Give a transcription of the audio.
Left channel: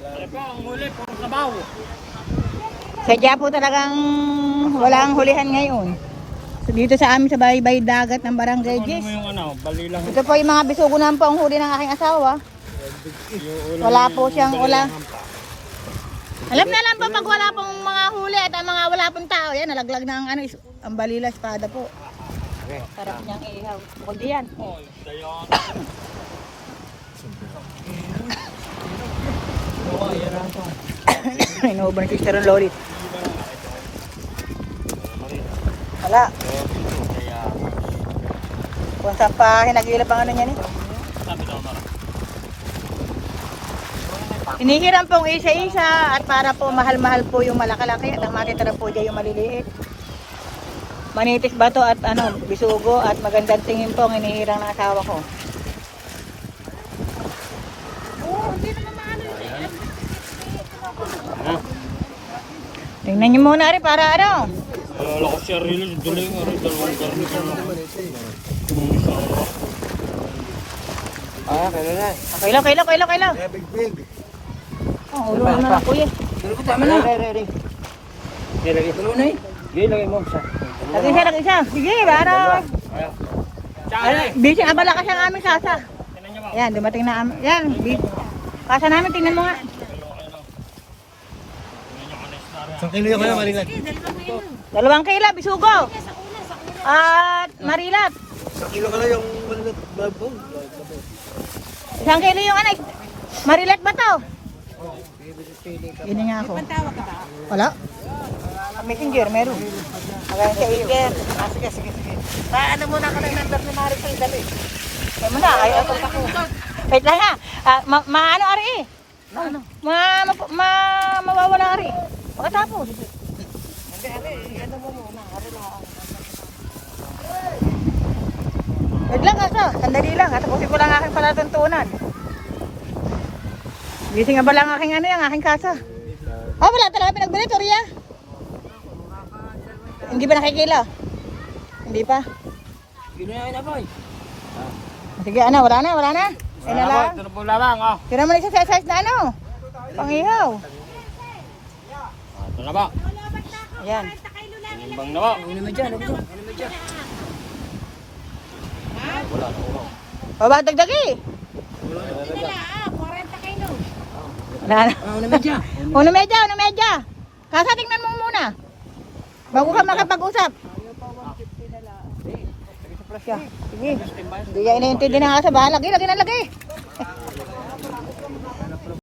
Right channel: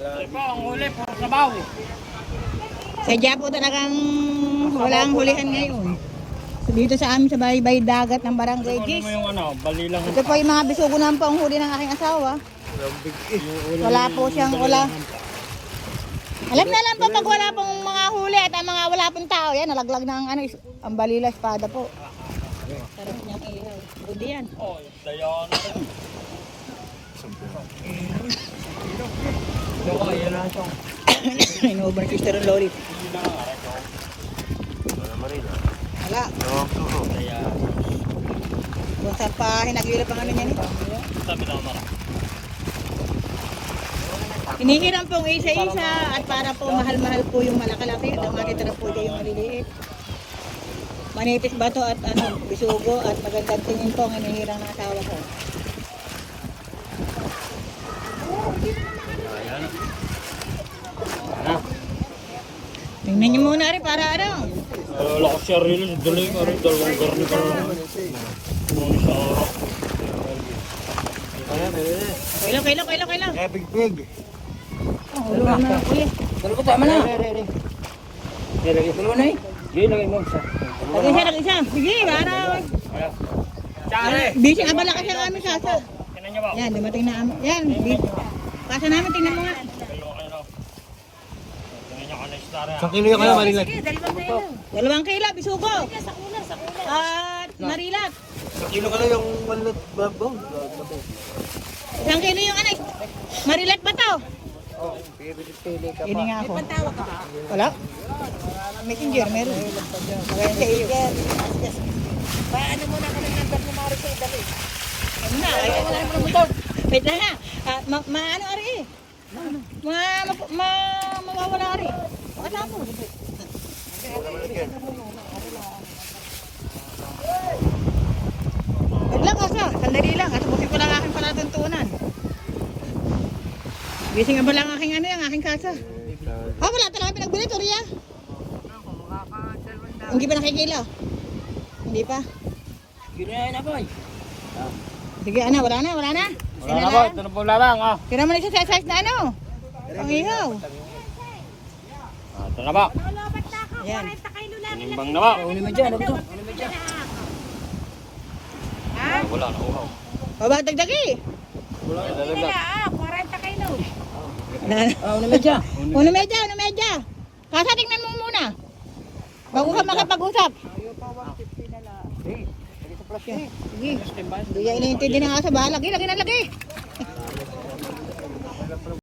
Ano po, ang huli, puro sabaw. Sadya po talagang walang hulihan ngayon. So, dito sa amin sa baybay dagat ng Barangay Ano Gis. mo yung ano, balilang. Ito po yung mga bisugo naman po ang huli ng aking asawa. Wala po siyang wala. Alam na lang po pag wala pong mga huli at ang mga wala pong tao. Yan, nalaglag ng ano, ang balila espada po. Sarap niyang ihaw. Bukod diyan. Oh, dayan. Inuuban si Sister Lolit. Wala. Kung saan pa hinagilap ang ano niya ni. Hinihiram pong isa-isa at para po mahal-mahal po yung malakalaki at ang matitira po dyan yung maliliit. Manipis ba to at ano, bisugo at magandang tingin po ang hinihirang ng asawa ko. Tingnan niyo muna rin para ano. Alala ko siya rin, duling nga rin, dalawang garni ka lang. Puno sa oras. Kailan. Epic pig. Oh, ulo na kuya. Dalo ko tama na. Lagay ko na eh. Lagay mo sa. Lagi isa. Sige, para. Bising abala kasi ang aming kasa. Yan, dumating na yan, kasa namin, tingnan mo nga. Isang kilo yung ano, Marilat. 2 kilo, bisugo. At marilat. Isang kilo ka lang yung Marilat. 1 kilo yung ano, marilat ba to? Ini nga ako. Wala? Messenger, meron. Magaling sa iyo. Sige. Ano muna ka lang ng tatlo na rin sa idali. Ay mo na, ay wait lang ha. Maano ari eh. Mawawala ari. Pagkatapos. Wag lang kasa, sandali lang. Tapusin ko lang aking palatuntunan. Gising nga ba lang aking ano yung aking kasa? Oh, wala talaga pinagbili, Toria. Hindi ba nakikila? Hindi pa. Ginayain na boy. Sige, ano, wala na. Ay na lang. Ito na po lang, ah. Tira mo na isa sa size na ano. Pangihaw. Ito na ba? Ayan. Tinimbang na ba? Uni mo dyan, Wala na, uhaw. Baba, dagdagi. Wala na talaga. Wala na. Uno medya. Kasa, tingnan mo muna. Bago ka makapag-usap. Sige. Hindi niya iniintindi na nga sa bahay. Lagi na lagi.